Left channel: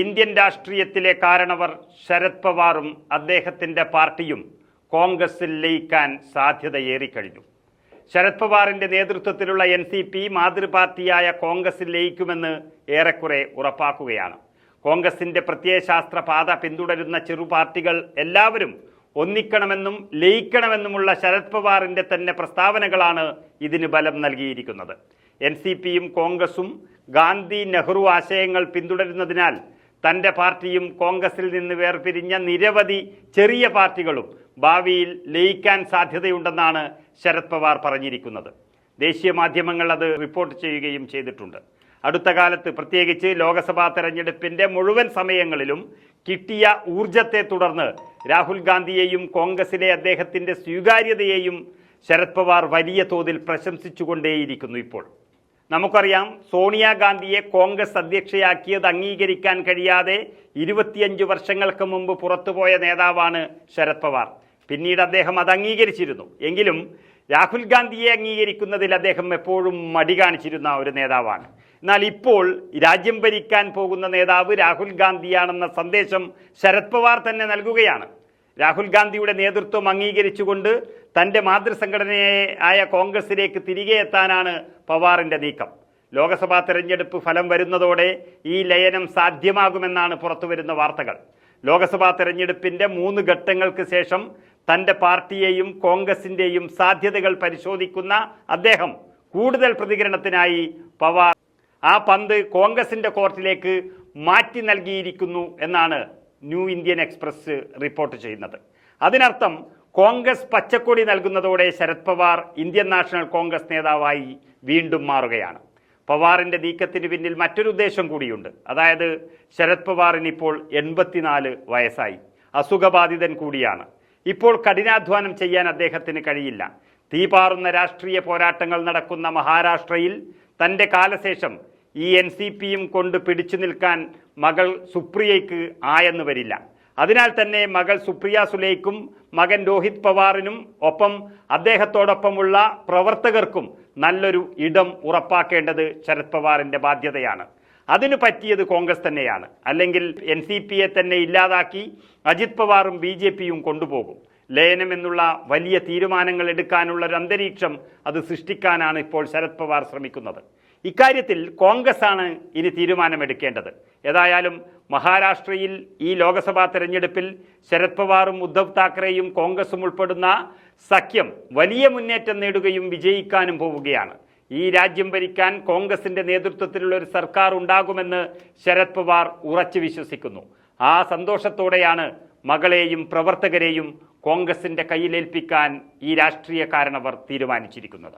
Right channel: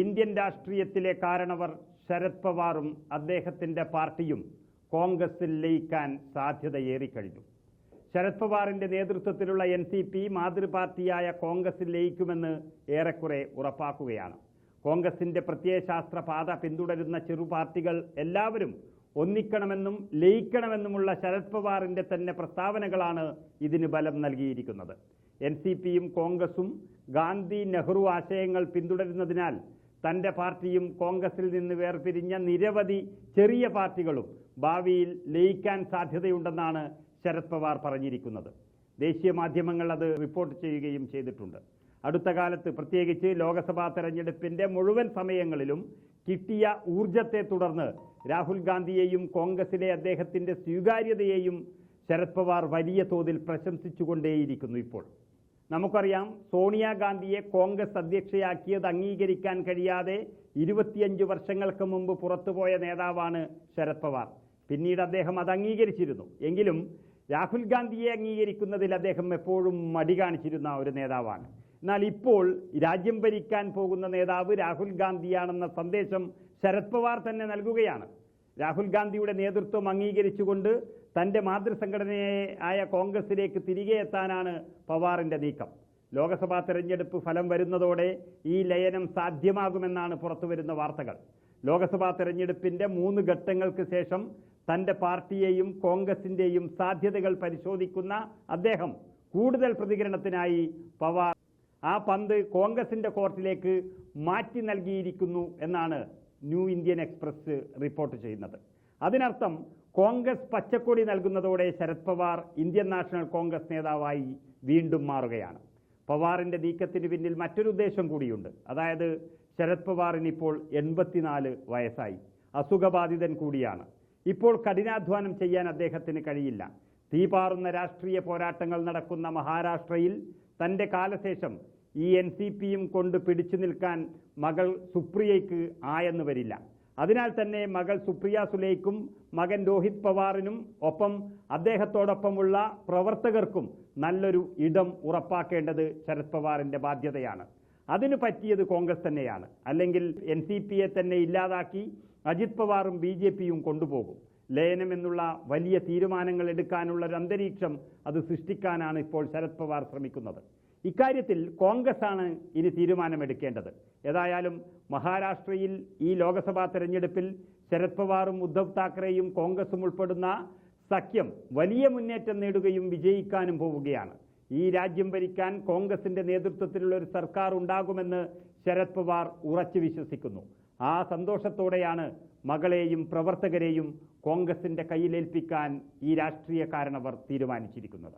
Indian രാഷ്ട്രീയത്തിലെ കാരണവർ ശരത് പവാറും അദ്ദേഹത്തിന്റെ പാർട്ടിയും കോൺഗ്രസിൽ ലയിക്കാൻ സാധ്യതയേറിക്കഴിഞ്ഞു ശരത് പവാറിന്റെ നേതൃത്വത്തിലുള്ള എൻ സി പി മാതൃപാർട്ടിയായ കോൺഗ്രസിൽ ലയിക്കുമെന്ന് ഏറെക്കുറെ ഉറപ്പാക്കുകയാണ്. കോൺഗ്രസിന്റെ പ്രത്യയശാസ്ത്ര പാത പിന്തുടരുന്ന ചെറു പാർട്ടികൾ എല്ലാവരും ഒന്നിക്കണമെന്നും ലയിക്കണമെന്നുമുള്ള ശരത് പവാറിന്റെ തന്നെ പ്രസ്താവനകളാണ് ഇതിന് ബലം നൽകിയിരിക്കുന്നത്. എൻ സി പിയും കോൺഗ്രസും ഗാന്ധി നെഹ്റു ആശയങ്ങൾ പിന്തുടരുന്നതിനാൽ തന്റെ പാർട്ടിയും കോൺഗ്രസിൽ നിന്ന് വേർപിരിഞ്ഞ നിരവധി ചെറിയ പാർട്ടികളും ഭാവിയിൽ ലയിക്കാൻ സാധ്യതയുണ്ടെന്നാണ് ശരത് പവാർ പറഞ്ഞിരിക്കുന്നത്. ദേശീയ മാധ്യമങ്ങൾ അത് റിപ്പോർട്ട് ചെയ്യുകയും ചെയ്തിട്ടുണ്ട്. അടുത്ത കാലത്ത് പ്രത്യേകിച്ച് ലോക്സഭാ തെരഞ്ഞെടുപ്പിന്റെ മുഴുവൻ സമയങ്ങളിലും കിട്ടിയ ഊർജത്തെ തുടർന്ന് രാഹുൽ ഗാന്ധിയെയും കോൺഗ്രസിലെ അദ്ദേഹത്തിന്റെ സ്വീകാര്യതയെയും ശരത് പവാർ വലിയ തോതിൽ പ്രശംസിച്ചുകൊണ്ടേയിരിക്കുന്നു ഇപ്പോൾ. നമുക്കറിയാം സോണിയാഗാന്ധിയെ കോൺഗ്രസ് അധ്യക്ഷയാക്കിയത് അംഗീകരിക്കാൻ കഴിയാതെ ഇരുപത്തിയഞ്ച് വർഷങ്ങൾക്ക് മുമ്പ് പുറത്തുപോയ നേതാവാണ് ശരത് പവാർ. പിന്നീട് അദ്ദേഹം അത് അംഗീകരിച്ചിരുന്നു. എങ്കിലും രാഹുൽ ഗാന്ധിയെ അംഗീകരിക്കുന്നതിൽ അദ്ദേഹം എപ്പോഴും മടി കാണിച്ചിരുന്ന ഒരു നേതാവാണ്. എന്നാൽ ഇപ്പോൾ രാജ്യം ഭരിക്കാൻ പോകുന്ന നേതാവ് രാഹുൽ ഗാന്ധിയാണെന്ന സന്ദേശം ശരത് പവാർ തന്നെ നൽകുകയാണ്. രാഹുൽ ഗാന്ധിയുടെ നേതൃത്വം അംഗീകരിച്ചുകൊണ്ട് തന്റെ മാതൃസംഘടനയെ ആയ കോൺഗ്രസിലേക്ക് തിരികെ എത്താനാണ് പവാറിന്റെ നീക്കം. ലോക്സഭാ തെരഞ്ഞെടുപ്പ് ഫലം വരുന്നതോടെ ഈ ലയനം സാധ്യമാകുമെന്നാണ് പുറത്തുവരുന്ന വാർത്തകൾ. ലോക്സഭാ തെരഞ്ഞെടുപ്പിന്റെ മൂന്ന് ഘട്ടങ്ങൾക്ക് ശേഷം തന്റെ പാർട്ടിയെയും കോൺഗ്രസിന്റെയും സാധ്യതകൾ പരിശോധിക്കുന്ന അദ്ദേഹം കൂടുതൽ പ്രതികരണത്തിനായി പവാർ ആ പന്ത് കോൺഗ്രസിന്റെ കോർട്ടിലേക്ക് മാറ്റി നൽകിയിരിക്കുന്നു എന്നാണ് ന്യൂ ഇന്ത്യൻ എക്സ്പ്രസ് റിപ്പോർട്ട് ചെയ്യുന്നത്. അതിനർത്ഥം കോൺഗ്രസ് പച്ചക്കൊടി നൽകുന്നതോടെ ശരത് പവാർ ഇന്ത്യൻ നാഷണൽ കോൺഗ്രസ് നേതാവായി വീണ്ടും മാറുകയാണ്. പവാറിന്റെ നീക്കത്തിന് പിന്നിൽ മറ്റൊരു ഉദ്ദേശം കൂടിയുണ്ട്. അതായത് ശരത് പവാറിന് ഇപ്പോൾ എൺപത്തിനാല് വയസ്സായി. അസുഖബാധിതൻ കൂടിയാണ്. ഇപ്പോൾ കഠിനാധ്വാനം ചെയ്യാൻ അദ്ദേഹത്തിന് കഴിയില്ല. തീപാറുന്ന രാഷ്ട്രീയ പോരാട്ടങ്ങൾ നടക്കുന്ന മഹാരാഷ്ട്രയിൽ തന്റെ കാലശേഷം ഈ എൻ സി പിയും കൊണ്ട് പിടിച്ചു നിൽക്കാൻ മകൾ സുപ്രിയയ്ക്ക് ആയെന്ന് വരില്ല. അതിനാൽ തന്നെ മകൾ സുപ്രിയ സുലൈക്കും മകൻ രോഹിത് പവാറിനും ഒപ്പം അദ്ദേഹത്തോടൊപ്പമുള്ള പ്രവർത്തകർക്കും നല്ലൊരു ഇടം ഉറപ്പാക്കേണ്ടത് ശരത് പവാറിന്റെ ബാധ്യതയാണ്. അതിന് പറ്റിയത് കോൺഗ്രസ് തന്നെയാണ്. അല്ലെങ്കിൽ എൻ സി പിയെ തന്നെ ഇല്ലാതാക്കി അജിത് പവാറും ബി ജെ പിയും കൊണ്ടുപോകും. ലയനം എന്നുള്ള വലിയ തീരുമാനങ്ങൾ എടുക്കാനുള്ള ഒരു അന്തരീക്ഷം അത് സൃഷ്ടിക്കാനാണ് ഇപ്പോൾ ശരത് പവാർ ശ്രമിക്കുന്നത്. ഇക്കാര്യത്തിൽ കോൺഗ്രസ് ആണ് ഇനി തീരുമാനമെടുക്കേണ്ടത്. ഏതായാലും മഹാരാഷ്ട്രയിൽ ഈ ലോക്സഭാ തെരഞ്ഞെടുപ്പിൽ ശരത് പവാറും ഉദ്ധവ് താക്കറെയും കോൺഗ്രസും ഉൾപ്പെടുന്ന സഖ്യം വലിയ മുന്നേറ്റം നേടുകയും വിജയിക്കാനും പോവുകയാണ്. ഈ രാജ്യം ഭരിക്കാൻ കോൺഗ്രസിന്റെ നേതൃത്വത്തിലുള്ള ഒരു സർക്കാർ ഉണ്ടാകുമെന്ന് ശരത് പവാർ ഉറച്ചു വിശ്വസിക്കുന്നു. ആ സന്തോഷത്തോടെയാണ് മകളെയും പ്രവർത്തകരെയും കോൺഗ്രസിന്റെ കയ്യിലേൽപ്പിക്കാൻ ഈ രാഷ്ട്രീയ കാരണവർ തീരുമാനിച്ചിരിക്കുന്നത്.